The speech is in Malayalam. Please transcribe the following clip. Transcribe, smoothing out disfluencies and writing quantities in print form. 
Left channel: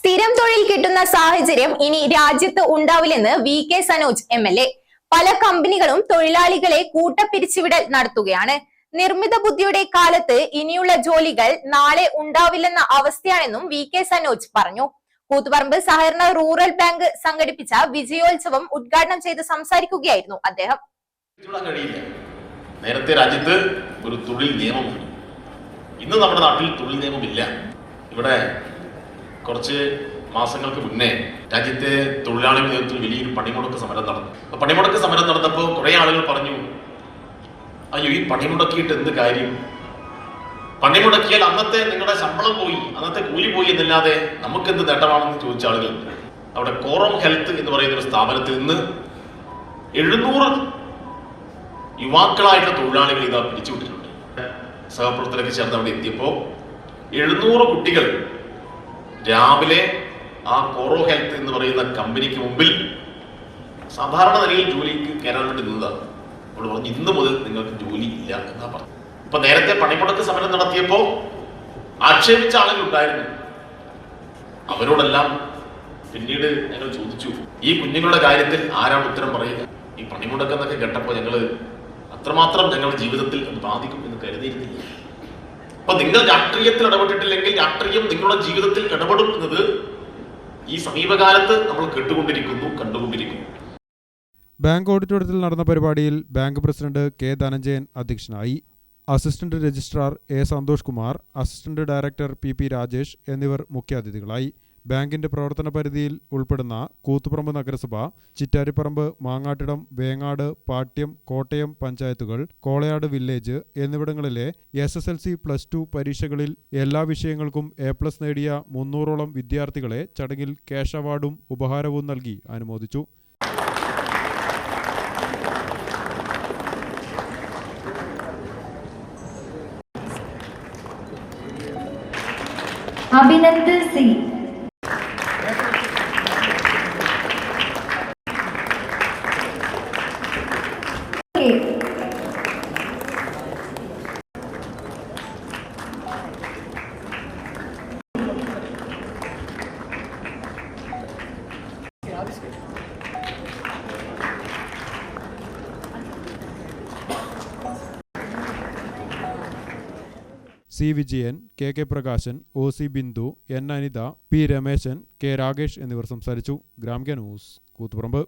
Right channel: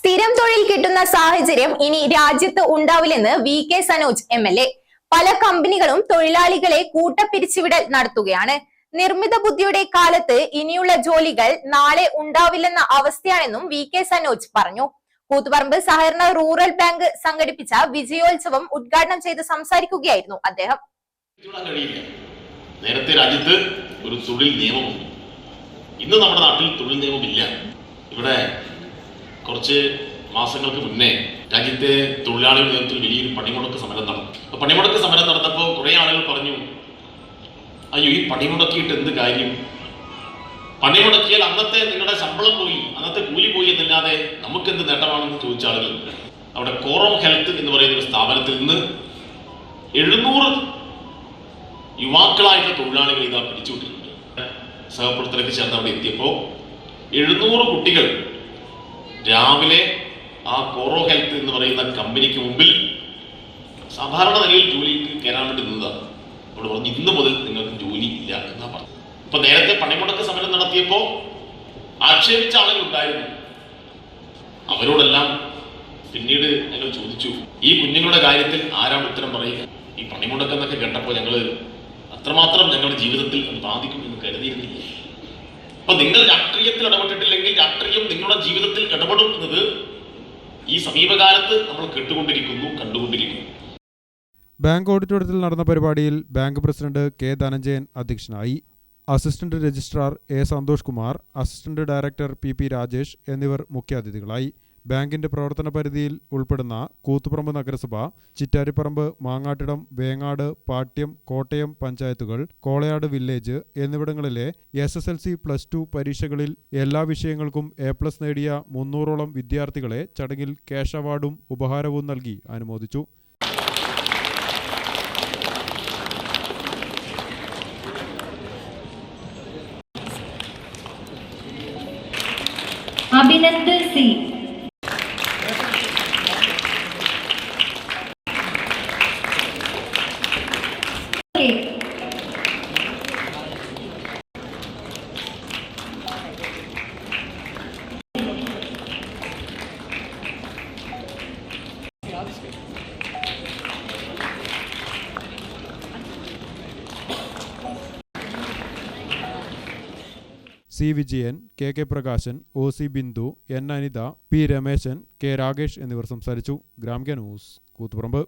സ്ഥിരം തൊഴിൽ കിട്ടുന്ന സാഹചര്യം ഇനി രാജ്യത്ത് ഉണ്ടാവില്ലെന്ന് വി.കെ. സനോജ് എം.എൽ.എ. പല കമ്പനികളും തൊഴിലാളികളെ കൂട്ടപ്പിരിച്ചുവിടൽ നടത്തുകയാണ്. നിർമ്മിത ബുദ്ധിയുടെ കാലത്ത് ഇനിയുള്ള ജോലികൾ നാളെ ഉണ്ടാവില്ലെന്ന അവസ്ഥയാണെന്നും വി.കെ. സനോജ് പറഞ്ഞു. കൂത്തുപറമ്പ് സഹകരണ റൂറൽ ബാങ്ക് സംഘടിപ്പിച്ച വിജയോത്സവം ഉദ്ഘാടനം ചെയ്ത് സംസാരിക്കുകയായിരുന്നു അദ്ദേഹം. നേരത്തെ രാജ്യത്ത് ഒരു തൊഴിൽ നിയമമുണ്ട്. ഇന്ന് നമ്മുടെ നാട്ടിൽ തൊഴിൽ നിയമമില്ല. ഇവിടെ കുറച്ച് മാസങ്ങൾക്ക് മുന്നേ രാജ്യത്തെ തൊഴിലാളി നേതൃത്വത്തിൽ വലിയൊരു പണിമുടക്ക് സമരം നടന്നു. പണിമുടക്ക് സമരം നടന്നപ്പോൾ കുറെ ആളുകൾ പറഞ്ഞു, അയ്യോ ഈ പണിമുടക്കിയിട്ട് എന്ത് കാര്യം, പണിമുടക്കിയാൽ അന്നത്തെ നിങ്ങളുടെ ശമ്പളം പോയി, അന്നത്തെ കൂലി പോയി എന്നല്ലാതെ നമുക്കെന്ത് നേട്ടമാണെന്ന് ചോദിച്ച ആളുകൾ അവിടെ കോറം ഹെൽത്ത് എന്ന് പറയുന്ന ഒരു സ്ഥാപനത്തിൽ നിന്ന് 700 യുവാക്കളായിട്ടുള്ള തൊഴിലാളികൾ ഇതാ പിടിച്ചുവിട്ടിട്ടുണ്ട്. സഹപ്രവർത്തകർക്ക് ചേർന്ന് അവിടെ എത്തിയപ്പോൾ 700 കുട്ടികൾ രാവിലെ ആ കോറോ ഹെൽത്ത് എന്ന് പറയുന്ന കമ്പനിക്ക് മുമ്പിൽ സാധാരണ നിലയിൽ ജോലിക്ക് കയറാൻ വേണ്ടി നിന്നതാണ്. അപ്പോൾ പറഞ്ഞു ഇന്ന് മുതൽ നിങ്ങൾക്ക് ജോലി ഇല്ല എന്നാ പറഞ്ഞു. ഇപ്പൊ നേരത്തെ പണിമുടക്ക് സമരം നടത്തിയപ്പോൾ ആക്ഷേപിച്ച ആളുകൾ ഉണ്ടായിരുന്നു. അവരോടെല്ലാം പിന്നീട് ഞങ്ങൾ ചോദിച്ചു, ഈ കുഞ്ഞുങ്ങളുടെ കാര്യത്തിൽ ആരാണ് ഉത്തരം പറയുക? ഈ പണിമുടക്കെന്നൊക്കെ കേട്ടപ്പോൾ ഞങ്ങള് അത്രമാത്രം ഞങ്ങളുടെ ജീവിതത്തിൽ അത് ബാധിക്കും എന്ന് കരുതിയിരുന്നില്ല. അപ്പൊ നിങ്ങൾ രാഷ്ട്രീയത്തിൽ ഇടപെട്ടിട്ടില്ലെങ്കിൽ രാഷ്ട്രീയം നിങ്ങളുടെ ജീവിതത്തിൽ ഇടപെടുന്നത് ഈ സമീപകാലത്ത് നമ്മൾ കണ്ടുകൊണ്ടിരിക്കുന്നു. ബാങ്ക് ഓഡിറ്റോറിയത്തിൽ നടന്ന പരിപാടിയിൽ ബാങ്ക് പ്രസിഡന്റ് കെ ധനഞ്ജയൻ അധ്യക്ഷനായി. Assistant registrar A Santhosh Kumar, assistant director P Rajesh എന്നിവർ മുഖ്യാതിഥികളായി. ബാങ്കിന്റെ പ്രവർത്തന പരിധിയിൽ ഉൾപ്പെടുന്ന കൂത്തുപറമ്പ് നഗരസഭ, ചിറ്റാരിപ്പറമ്പ്, മാങ്ങാട്ടിടം, വേങ്ങാട്, പാട്യം, കോട്ടയം പഞ്ചായത്തുകൾ, കോളയാട് വില്ലേജ് എന്നിവിടങ്ങളിലെ SSLC +2 പരീക്ഷകളിൽ എല്ലാ വിഷയങ്ങൾക്കും A+ നേടിയ 300ഓളം വിദ്യാർത്ഥികളെ ചടങ്ങിൽ ക്യാഷ് അവാർഡും ഉപഹാരവും നൽകി അനുമോദിച്ചു. Abhinand C, C Vijayan, K Prakashan, OC Bindu, N Anitha, P Rameshan, K Rakesh എന്നിവർ സംസാരിച്ചു. ഗ്രാമിക ന്യൂസ്, കൂത്തുപറമ്പ്.